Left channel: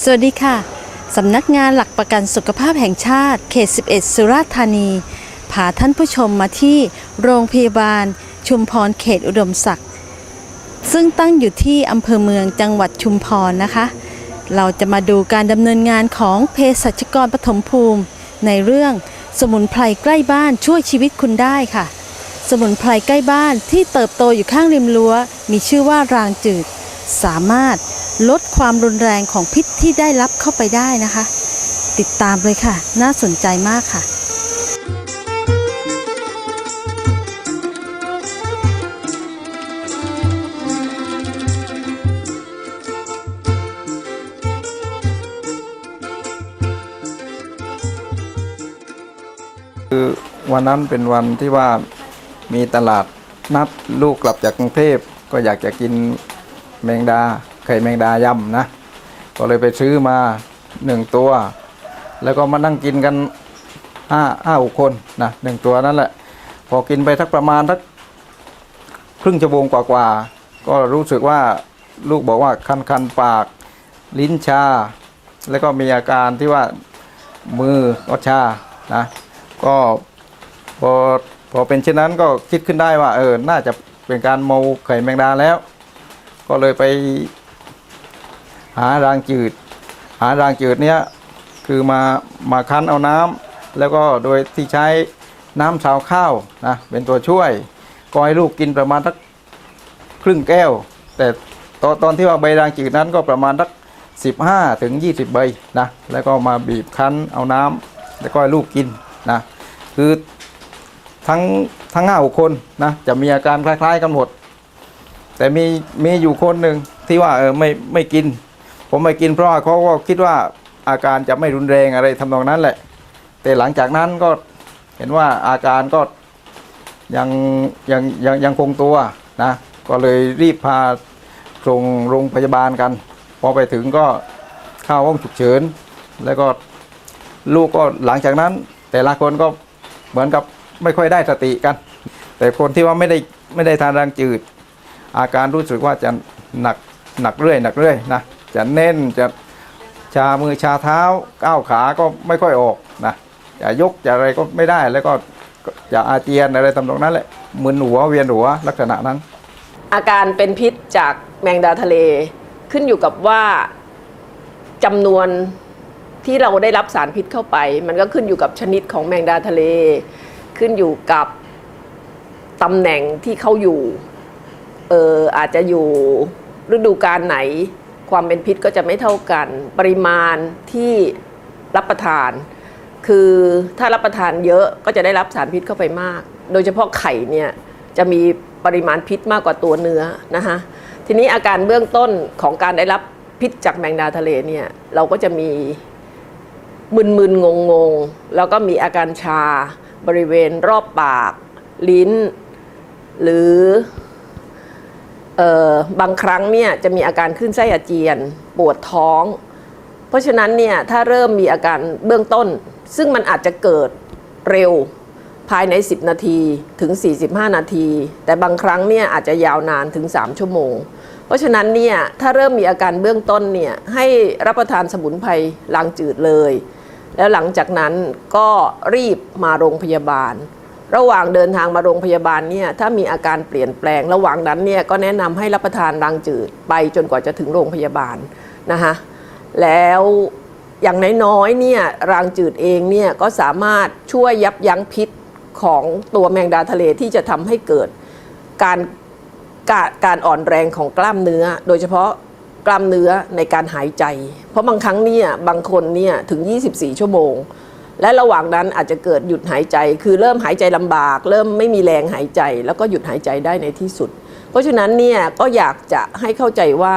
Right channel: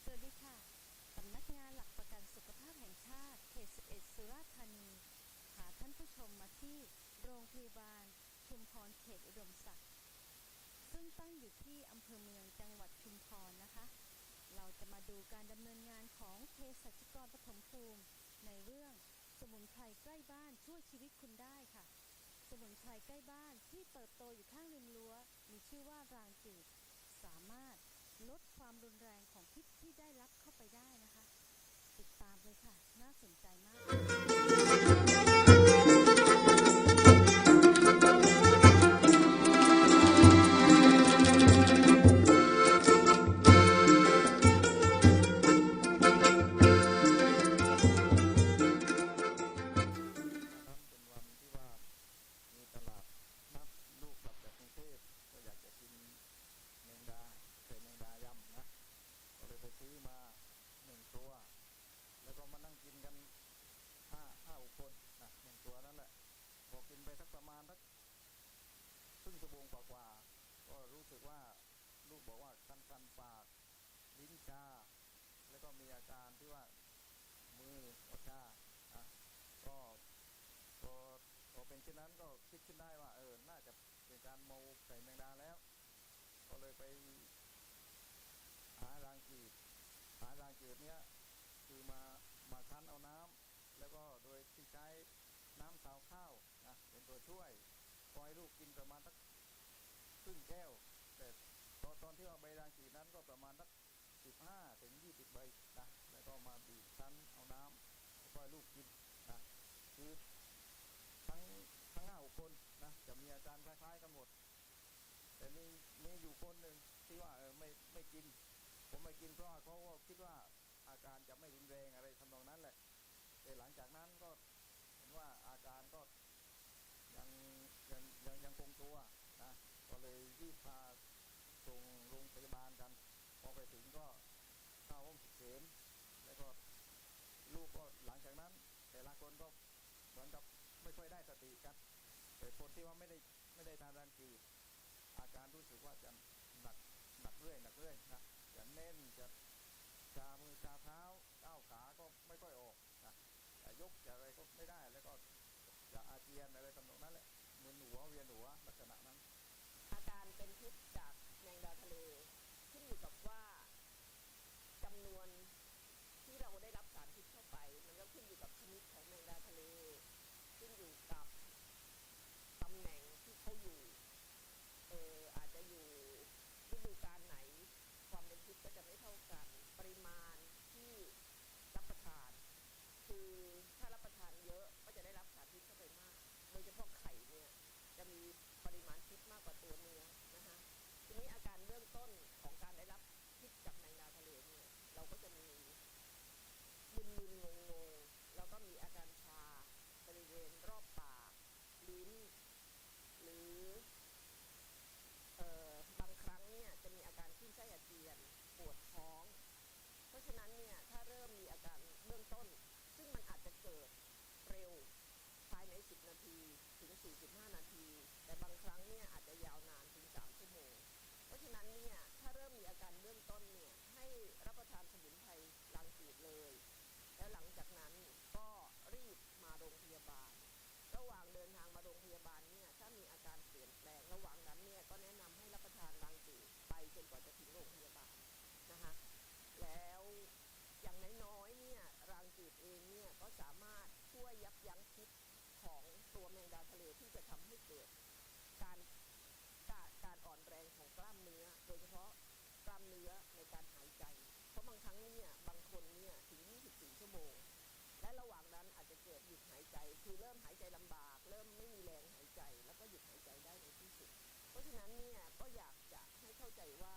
สวัสดีค่ะ สำนักงานหลักประกันสุขภาพแห่งชาติ เขต 11 สุราษฎร์ธานี พาท่านผู้ชมมาที่โรงพยาบาล ชุมพรเขตอุดมศักดิ์ ซึ่งตั้งอยู่ที่อำเภอเมืองจังหวัดชุมพรนะคะ เราจะมาดูการดำเนินงานของเภสัชกรปฐมภูมิ ในเรื่องสมุนไพรใกล้บ้านช่วยชีวิตคุณได้ค่ะ สมุนไพรใกล้บ้านที่เติบโตอยู่ข้างริมรั้ว มีชื่อว่ารางจืด สามารถ ลดความรุนแรงของพิษที่ได้รับเข้าไปได้นะคะ ติดตามเลยค่ะ น่าสนใจมากค่ะคือวันนั้นเป็นวันที่ว่ามีตลาดนัดลูกกลับจากกรุงเทพก็อยากจะกินแมงดา ไข่แมงดายำนะ ก็เลยไปซื้อมาหนึ่งตัว แล้วก็มานั่งกินกันห้าห้าหกคนนะหนึ่งตัวนั่นแหละ พอกินไปทักประมาณทักครึ่งชั่วโมงกว่าๆก็รู้สึกว่าลูกบอกว่าคันคันๆปากลิ้นชา แล้วก็มีอาการที่ว่ามือก็ชานะก็พอพอเป็นเช่นนั้นก็คิดขึ้นได้ว่าเออน่าจะเป็นการเมาไข่แมงดาแล้ว ก็เลยไป หารางจืด หารางจืดเนี้ยคือมามาคั้นเอาน้ำแล้วก็โดยที่ใช้น้ำชาวข้าวนะเป็นตัวช่วยก็ให้ลูกกินประมาณสักครึ่งแก้ว แต่ตอนตอนที่ว่าใบรางจืดนั้นก็ประมาณสัก15 ถึง 20 ใบนะแล้วก็มาบีบคั้นเอาน้ำแล้วก็ให้ลูกกินนะคือทั้งทั้งห้าคนนะจะมีอาการคล้าย ๆกันหมดแต่มีมีอยู่คนหนึ่งที่ว่าเออไม่ไม่กิน ผมไม่กินเพราะว่าเขาก็คิดว่าอาการจะไม่รุนแรงอะไรทำนองนั้นแหละ แต่หลังจากนั้นก็เห็นว่าอาการก็ยังยังยังยังคงตัวนะ ก็เลยรีบพาส่งโรงพยาบาลกัน พอไปถึงก็เข้าห้องฉุกเฉิน แล้วก็ลูกก็หลังจากนั้น แต่ละคนก็เหมือนกับไม่ค่อยได้สติกัน แต่คนที่ว่าไม่ได้ไม่ได้ทานแรงจืด อาการรู้สึกว่าจะหนักหนักเรื่อยหนักเรื่อยนะ จะเน้นจะชามือชาเท้าก้าวขาก็ไม่ค่อยออกนะจะยกจะอะไรก็ไม่ได้แล้วก็จะอาเจียนอะไรทำตรงนั้นแหละมึนหัวเวียนหัวลักษณะนั้น อาการเป็นพิษจากแมงดาทะเลขึ้นอยู่กับว่าจำนวนที่เราได้รับสารพิษเข้าไป มันก็ขึ้นอยู่กับชนิดของแมงดาทะเล ขึ้นอยู่กับตำแหน่งที่เขาอยู่เอออาจจะอยู่ฤดูกาลไหน ความเป็นพิษก็จะไม่เท่ากัน ปริมาณที่รับประทาน คือถ้ารับประทานเยอะก็จะได้รับสารพิษเข้าไปมาก โดยเฉพาะไข่เนี่ยจะมีปริมาณพิษมากกว่าตัวเนื้อนะคะทีนี้อาการเบื้องต้นของการได้รับพิษจากแมงดาทะเลเนี่ยเราก็จะมีมึนๆงงๆแล้วก็มีอาการชาบริเวณรอบปาก ลิ้น หรือเออ บางครั้งเนี่ยจะมีอาการขึ้นไส้อาเจียน ปวดท้อง เพราะฉะนั้นเนี่ยถ้าเริ่มมีอาการเบื้องต้น ซึ่งมันอาจจะเกิดเร็วภายใน 10 นาทีถึง 45 นาที แต่บางครั้งเนี่ยอาจจะยาวนานถึง 3 ชั่วโมง เพราะฉะนั้นเนี่ยถ้าเริ่มมีอาการเบื้องต้นเนี่ยให้รับประทานสมุนไพรลางจืดเลย แล้วหลังจากนั้นก็รีบมาโรงพยาบาล ระหว่างเดินทางมาโรงพยาบาลเนี่ยถ้ามีอาการเปลี่ยนแปลง ระหว่างนั้นเนี่ยก็แนะนำให้รับประทานรางจืดไปจนกว่าจะถึงโรงพยาบาลนะคะแล้วอย่างน้อยๆเนี่ยรางจืดเองเนี่ยก็สามารถช่วยยับยั้งพิษของตัวแมงดาทะเลที่จะทำให้เกิดการการการอ่อนแรงของกล้ามเนื้อ โดยเฉพาะกล้ามเนื้อในการหายใจ เพราะบางครั้งเนี่ยบางคนเนี่ยถึง 24 ชั่วโมง และระหว่างนั้นอาจจะเกิดหยุดหายใจ คือเริ่มหายใจลำบาก เริ่มไม่มีแรงหายใจ แล้วก็หยุดหายใจได้ในที่สุด เพราะฉะนั้นเนี่ยก็อยากจะให้เข้าใจว่า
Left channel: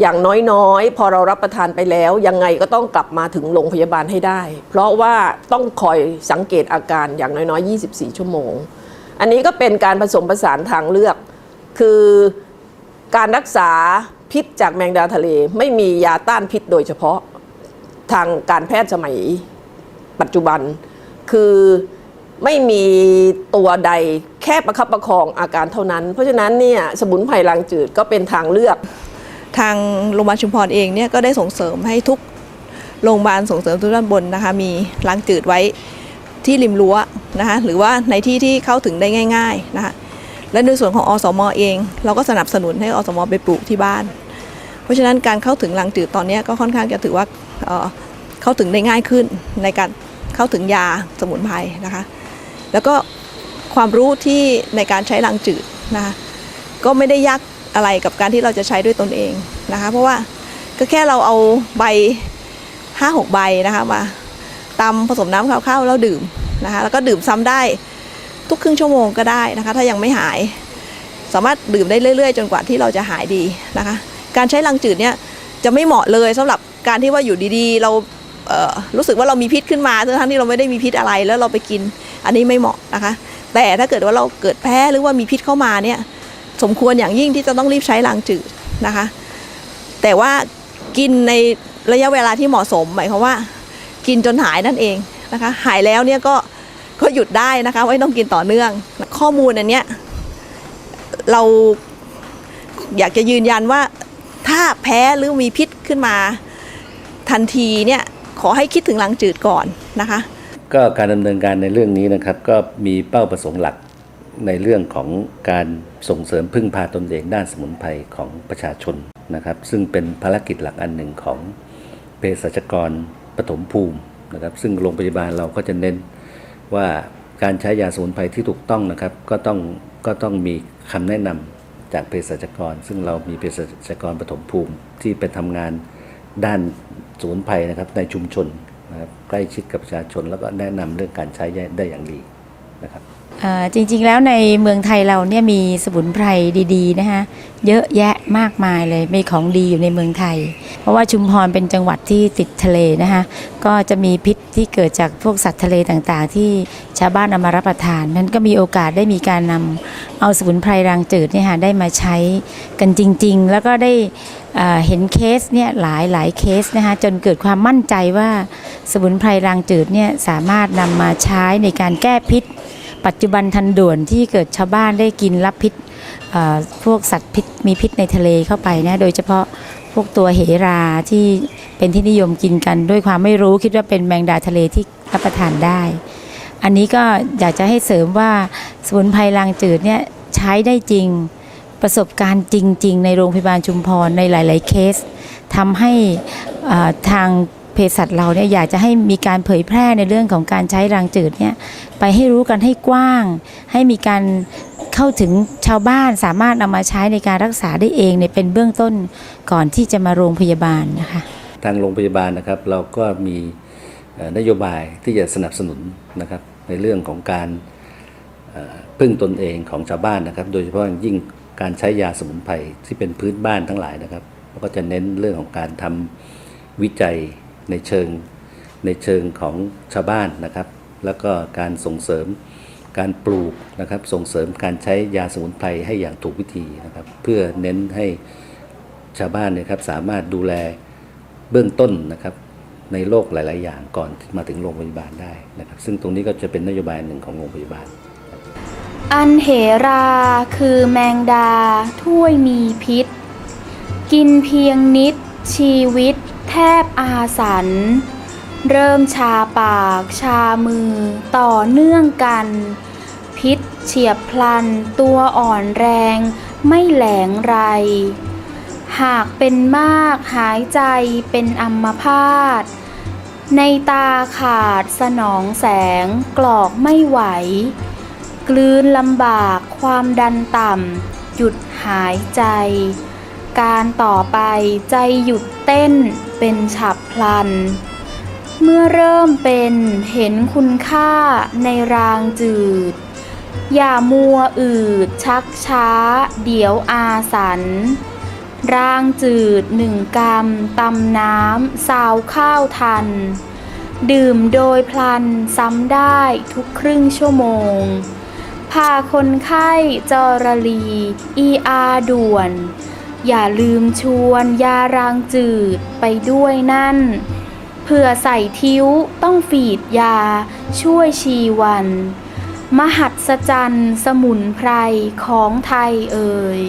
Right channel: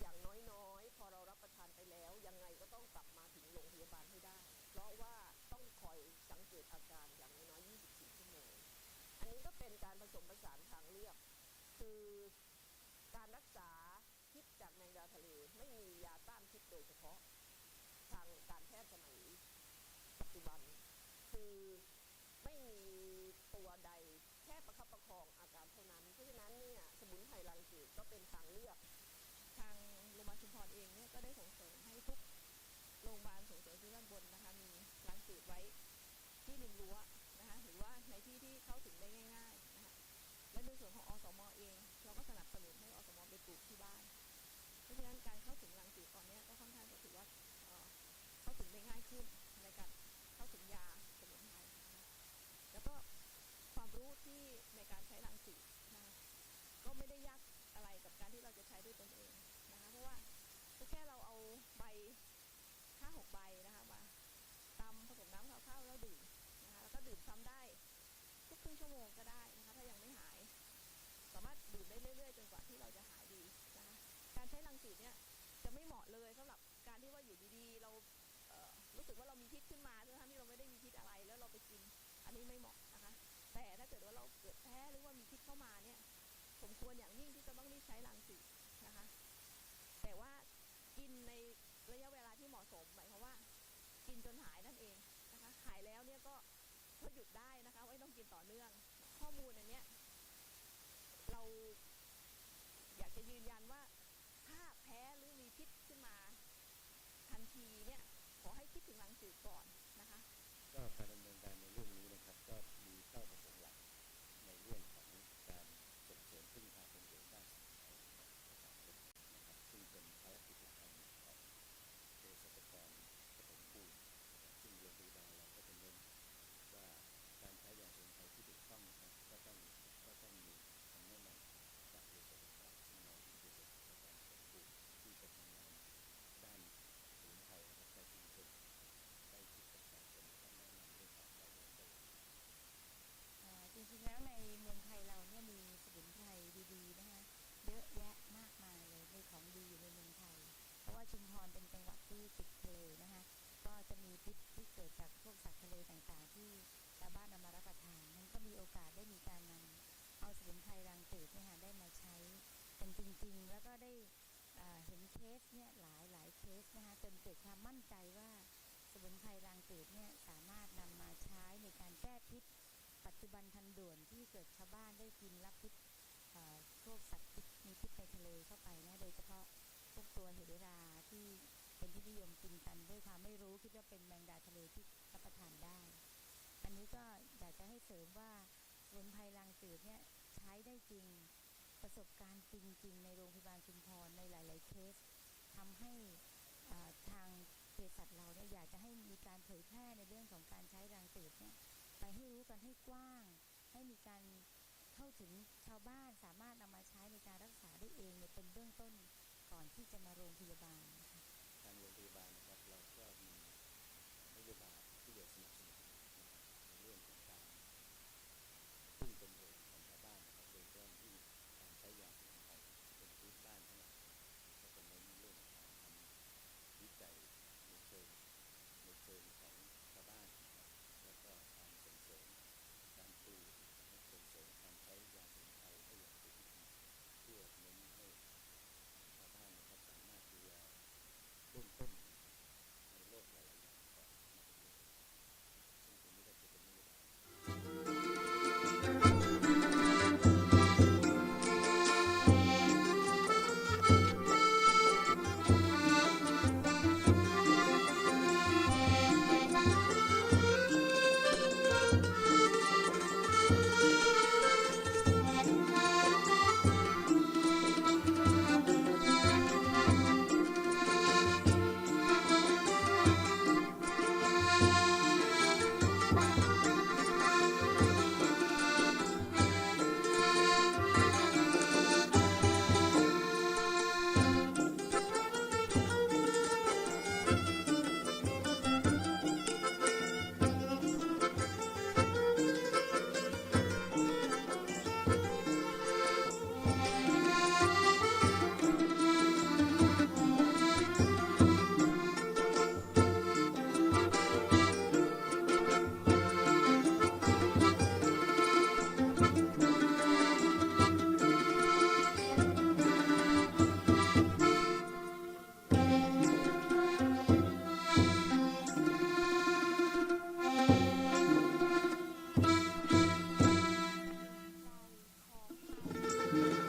อย่างน้อยๆ พอเรารับประทานไปแล้ว ยังไงก็ต้องกลับมาถึงโรงพยาบาลให้ได้ เพราะว่าต้องคอยสังเกตอาการอย่างน้อยๆ 24 ชั่วโมง อันนี้ก็เป็นการผสมผสานทางเลือก คือการรักษาพิษจากแมงดาทะเล ไม่มียาต้านพิษโดยเฉพาะ ทางการแพทย์สมัยปัจจุบัน คือไม่มีตัวใดแค่ประคับประคองอาการเท่านั้น เพราะฉะนั้นเนี่ยสมุนไพรลางจืดก็เป็นทางเลือก ทางโรงพยาบาลชุมพรเองเนี่ยก็ได้ส่งเสริมให้ทุกโรงพยาบาลส่งเสริมทุกด้านบนนะคะมีล้างจืดไว้ที่ริมรั้วนะคะหรือว่าในที่ที่เข้าถึงได้ง่ายๆนะคะและในส่วนของอสมอเอง เราก็สนับสนุนให้อสมไปปลูกที่บ้าน เพราะฉะนั้นการเข้าถึงล้างจืดตอนนี้ก็ค่อนข้างจะถือว่า เข้าถึงได้ง่ายขึ้นในการเข้าถึงยาสมุนไพรนะคะ แล้วก็ความรู้ที่ในการใช้ล้างจืดนะคะก็ไม่ได้ยากอะไรกับการที่เราจะใช้ด้วยตนเองนะคะ เพราะว่าก็แค่เราเอาใบห้าหกใบนะคะมาตำผสมน้ำข้าวๆแล้วดื่มนะคะแล้วก็ดื่มซ้ำได้ทุกครึ่งชั่วโมงก็ได้นะคะ ถ้ายังไม่หาย สามารถดื่มได้เรื่อย ๆ จนกว่าที่เราจะหายดีนะคะ การใช้ลังจืดเนี่ย จะไม่เหมาะเลยสำหรับการที่ว่าอยู่ดีๆ เราเรู้สึกว่าเรามีพิษขึ้นมาทั้งที่เราไม่ได้มีพิษอะไรแล้วเราไปกิน อันนี้ไม่เหมาะนะคะ แต่ถ้าเกิดว่าเราเกิดแพ้หรือว่ามีพิษเข้ามาเนี่ยสมควรอย่างยิ่งที่จะต้องรีบใช้ลังจืดนะคะ แต่ว่ากินในระยะเวลาที่เหมาะสมหมายความว่า กินจนหายนั่นเองนะคะ หายแล้วเนี่ยก็ก็หยุดได้นะคะไม่ต้องกินต่อเนื่อง ข้อมูลอันเนี้ยเราอยากจะยืนยันว่า ถ้าแพ้หรือมีพิษขึ้นมาทันทีเนี่ยขอให้คิดถึงลังจืดก่อนนะคะ ก็การดำเนินการในเรื่องนี้นะครับ ก็มีเป้าประสงค์หลักในเรื่องของการส่งเสริมพึ่งพาตนเองด้านสมุนไพรของประชาชนนะครับ ซึ่งเป็นภารกิจหลักอันหนึ่งของเภสัชกรปฐมภูมินะครับ ซึ่งโรงพยาบาลเราก็จะเน้นว่าการใช้ยาสมุนไพรที่ถูกต้องนะครับ ก็ต้องก็ต้องมีคำแนะนำ จากเภสัชกร ซึ่งเรามีเภสัชกรปฐมภูมิที่ไปทำงานด้านสมุนไพรนะครับในชุมชนนะครับใกล้ชิดกับประชาชน แล้วก็แนะนำเรื่องการใช้ได้อย่างดีนะครับ จริงๆแล้วในเมืองไทยเราเนี่ยมีสมุนไพรดีๆนะคะเยอะแยะมากมายเลยมีของดีอยู่ในเมืองไทย เพราะว่าชุมพรเป็นจังหวัดที่ติดทะเลนะคะก็จะมีพิษที่เกิดจากพวกสัตว์ทะเลต่างๆ ที่ชาวบ้านเอามารับประทานนั้นก็มีโอกาสได้มีการนำเอาสมุนไพรรางจืดเนี่ยค่ะได้มาใช้กันจริง ๆ แล้วก็ได้เห็นเคสเนี่ยหลายหลายเคสนะคะจนเกิดความมั่นใจว่าสมุนไพรรางจืดเนี่ยสามารถนำมาใช้ในการแก้พิษ ปัจจุบันทันด่วนที่เกิดชาวบ้านได้กินรับพิษพวกสัตว์พิษมีพิษในทะเลเข้าไปนะโดยเฉพาะพวกตัวเหราที่เป็นที่นิยมกินกันด้วยความไม่รู้คิดว่าเป็นแมงดาทะเลที่รับประทานได้ อันนี้ก็อยากจะให้เสริมว่าสมุนไพรลางจืดเนี่ยใช้ได้จริงประสบการณ์จริง ๆ ในโรงพยาบาลชุมพรในหลาย ๆ เคสทำให้ทาง เภสัชเราเนี่ยอยากจะให้มีการเผยแพร่ในเรื่องของการใช้รางจืดเนี่ยไปให้รู้กันให้กว้าง ให้มีการเข้าถึงชาวบ้านสามารถนำมาใช้ในการรักษาได้เองเนี่ยเป็นเบื้องต้นก่อนที่จะมาโรงพยาบาลนะคะทางโรงพยาบาลนะครับเราก็มีนโยบายที่จะสนับสนุนนะครับในเรื่องของการพึ่งตนเองของชาวบ้านนะครับ โดยเฉพาะอย่างยิ่งการใช้ยาสมุนไพรที่เป็นพื้นบ้านทั้งหลายนะครับเราก็จะเน้นเรื่องของการทำวิจัย ในเชิงในเชิงของชาวบ้านนะครับ แล้วก็การส่งเสริมการปลูกนะครับส่งเสริมการใช้ยาสมุนไพรให้อย่างถูกวิธีนะครับ เพื่อเน้นให้ชาวบ้านนยครับสามารถดูแลเบื้องต้นนะครับในโรคหลาย ๆ อย่างก่อนมาถึงโรงพยาบาลได้นะครับ ซึ่งตรงนี้ก็จะเป็นนโยบายหนึ่งของโรงพยาบาล อันเหราคือแมงดาถ้วยมีพิษ กินเพียงนิด ชีวิตแทบอาสัน เริ่มชาปากชามือต่อเนื่องกัน พิษเฉียบพลันตัวอ่อนแรงไม่แหลงไร หากเป็นมากหายใจเป็นอัมพาต ในตาขาดสนองแสงกรอกไม่ไหว กลืนลำบากความดันต่ำหยุดหายใจ การต่อไปใจหยุดเต้นเป็นฉับพลัน เมื่อเริ่มเป็นเห็นคุณค่าในรางจืด อย่ามัวอืดชักช้า เดี๋ยวอาสัน รางจืดหนึ่งกำตำน้ำสาวข้าวทัน ดื่มโดยพลันซ้ำได้ทุกครึ่งชั่วโมงพาคนไข้จอรลีอีอาด่วน อย่าลืมชวนยารางจืดไปด้วยนั่น เผื่อใส่ทิ้วต้องฝีดยาช่วยชีวัน มหัศจรรย์สมุนไพรของไทยเอ่ย